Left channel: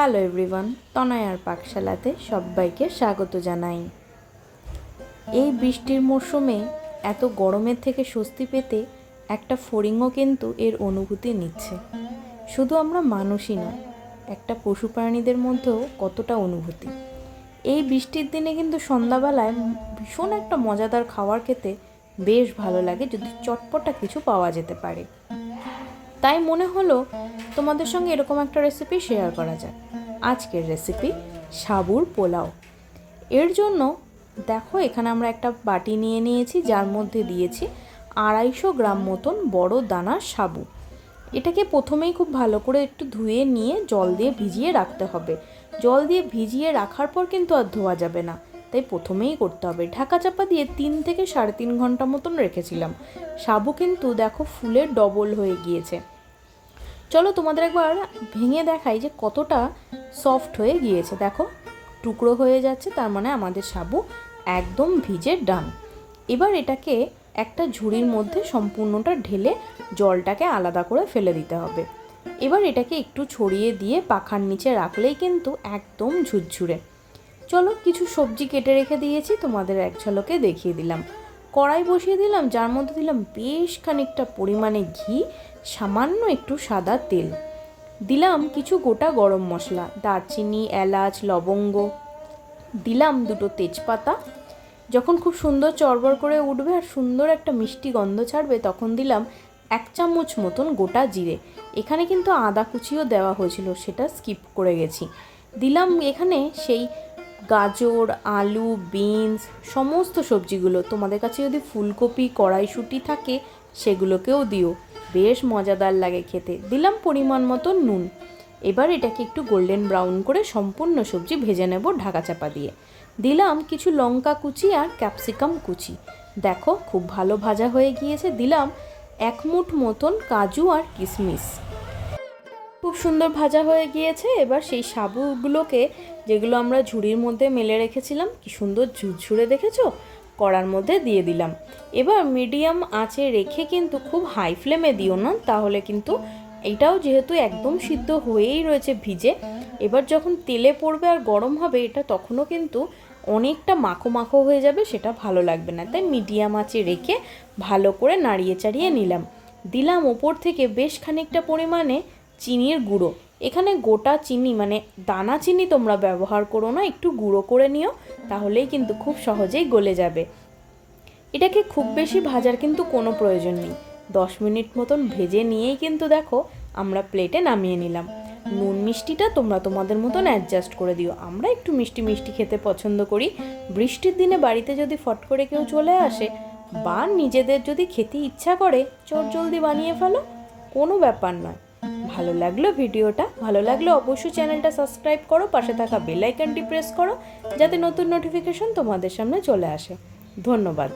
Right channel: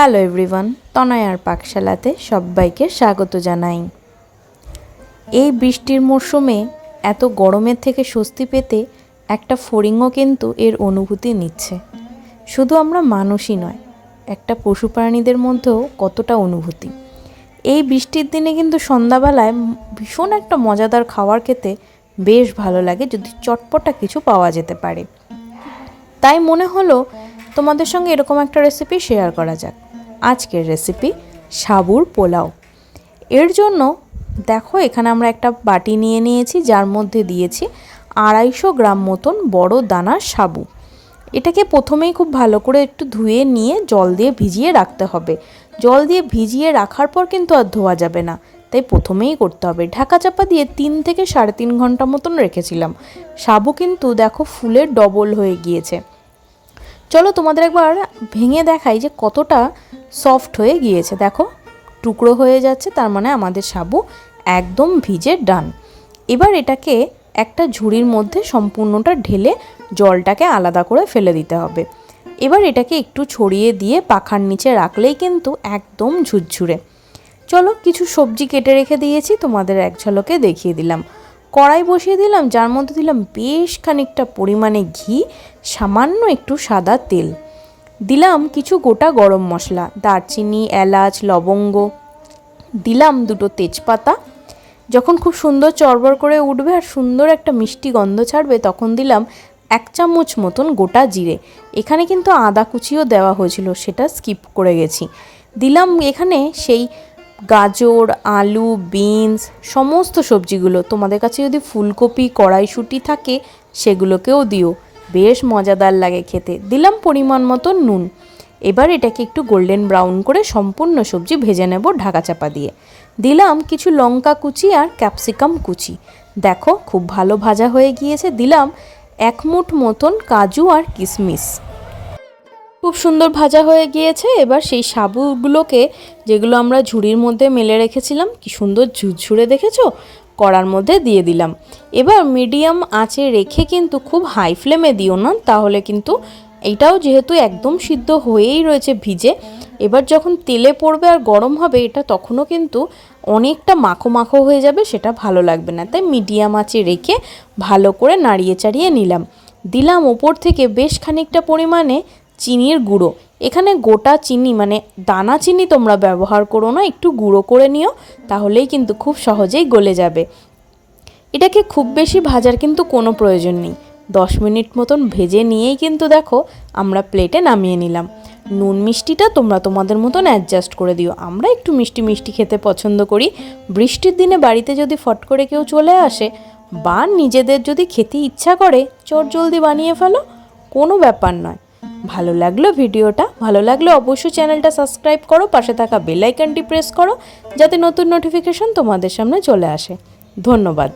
Hello everyone, তনয়ার পাকশালাতে সবাইকে স্বাগত জানাই। এই বৃষ্টির মরশুমে এত গরমের থেকে স্বস্তি পেতে একটা ফড়িংও কিন্তু এর অনুভূতি নিচ্ছে। শুধু আমরা মানুষই নয়, একটা পশু প্রাণীদের মধ্যেও কতটা অনুভূতি। এই বৃষ্টির দিনে কিন্তু সন্ধ্যাবেলায় ভীষণ একটা মজাদার খাবার খেতে বেশ ভালো লাগে, যদি চটপটা কিছু পাওয়া যেতে পারে। তাই মনে হলো তোমাদের সঙ্গে এরকম একটা রেসিপি শেয়ার করা যাক। আজকের রেসিপি সাবুর পোলাও। এর জন্য দেখো এখানে আমরা একটা বাটি নিয়ে নিয়েছি, যার মধ্যে দিয়েছি আড়াইশো গ্রাম মতন বড় দানা সাবু। এটাকে প্রথমেই খুব ভালো করে একটু ধুয়ে নিয়ে জল দিয়ে ভিজিয়ে রাখতে হবে। জল দিয়ে ভিজিয়ে রাখার পর কিন্তু আর ধোয়া যাবে না। তাই প্রথমেই করতে হবে। ঢাকা চাপা দিয়ে তিন থেকে সাড়ে তিন ঘণ্টা মতন রেখেছিলাম। সাবু কিন্তু দেখো ফুলের ডবল হয়ে গিয়েছে। চলো তোমাদের একবার ভেঙে দেখাই যে কতটা সফট হয়ে গিয়েছে। দেখো, টুকরো হয়ে যাচ্ছে, তার মানে আমাদের সাবু একদম ভিজে ডান। এবার এটাকে একটা ঝুড়ির মধ্যে সম্পূর্ণটা ঢেলে জলটাকে আলাদা করে ফেলে দিতে হবে। এবার এটাকে একটু ছড়িয়ে দিয়ে পাখার নিচে রাখলেই কিন্তু একদম ঝুরঝুরে। চলো কিছু সবজি কেটে রেখে দিয়েছি, তোমাদের এক ঝলকে দেখিয়ে দিলাম। কড়াই বসিয়ে দিলাম, যার মধ্যে দিলাম বেশ খানিকটা পরিমাণে ঘি, সামান্য একটু সাদা তেল। দিলাম কিছু গোটা গরম মশলা, দারচিনি, এলাচ, লবঙ্গ। দিলাম দুটো তেজপাতা। যখন খুব সুন্দর চড়বড় করে উঠবে আর সুন্দর একটা মিষ্টি গন্ধ ছাড়বে, তখন দিলাম এক চামচ মতন গোটা জিরে। এখানে কিন্তু আদা কুচিও দেওয়া হয়েছিল, সেটা স্কিপ করে গেছি। দিলাম এখানে সেই গাজর, আলু, বিনস, সমস্ত সবজিগুলো তোমাদের কাছে যদি ফুলকপি, কড়াইশুঁটি থাকে, সেগুলোকেও দিও। বেশ মজাদার লাগে খেতে। দিলাম পরিমাণ মতো নুন। এবার এটাকে একটু গোল্ডেন ব্রাউন করে সম্পূর্ণ সবজি ভেজে নেব ঢাকা চাপা দিয়ে। দিলাম কিছু লঙ্কা কুচি আর ক্যাপসিকাম কুচি। দেখো, খুব ভালো ভাজা হয়ে গিয়েছে। দিলাম এক মুঠ মতন কাজু আর কিশমিশ খুব সুন্দর ভাজা হয়ে গিয়েছে। এবার সেই সাবুগুলোকে যেগুলো আমরা ঝুড়ির মধ্যে মেলে রেখেছিলাম, কি সুন্দর ঝুরঝুরে দেখেছ? কড়ার মধ্যে দিয়ে দিলাম। এবার মিডিয়াম আঁচে রেখে কিন্তু খুব হাই ফ্লেমে দিও না, তাহলে কিন্তু এটাও যেহেতু একদম সিদ্ধ হয়েই রয়েছে ভিজে, এবার যখন তেলে পড়বে আর গরম হবে, এটা তখনও কিন্তু অনেকটা মাখো মাখো হয়ে যাবে, সেটা ভালো লাগবে না। তাই মিডিয়াম আঁচে রেখে ভালো করে নাড়িয়ে চাড়িয়ে নিলাম। দিলাম ওপর থেকে বেশ খানিকটা পরিমাণে চিনির গুঁড়ো। এখানে গোটা চিনি মানে দানা চিনি তোমরা ব্যবহার করো না, একটু গুঁড়ো করে নিও, তাহলেই কিন্তু খুব সহজেই গলে যাবে। এটাকে খুব বেশি ভাজার কিন্তু কোনো প্রয়োজন নেই। দশ মিনিট মতন ভেজে নিয়েই কিন্তু দেখো, আমরা প্লেটে নামিয়ে নিলাম। নুন মিষ্টিটা তোমরা তোমাদের মতন অ্যাডজাস্ট করে দিও। আমরা একটু মিষ্টি মিষ্টি খেতে পছন্দ করি। বৃষ্টির দিনে বাড়িতে যদি ফট করে কেউ চলে আসে, বা নিজেদের যদি খেতে ইচ্ছা করে চট জলদি বানিয়ে ফেলো, কোনো ব্যাপার নয়। ভালো লাগল ভিডিওটা, ভালো লাগলে অবশ্যই চ্যানেলটা সাবস্ক্রাইব করো, পাশে থাকা বেল আইকনটি প্রেস করো, যাতে নতুন নোটিফিকেশন তোমাদের সামনে চলে আসে। ধন্যবাদ।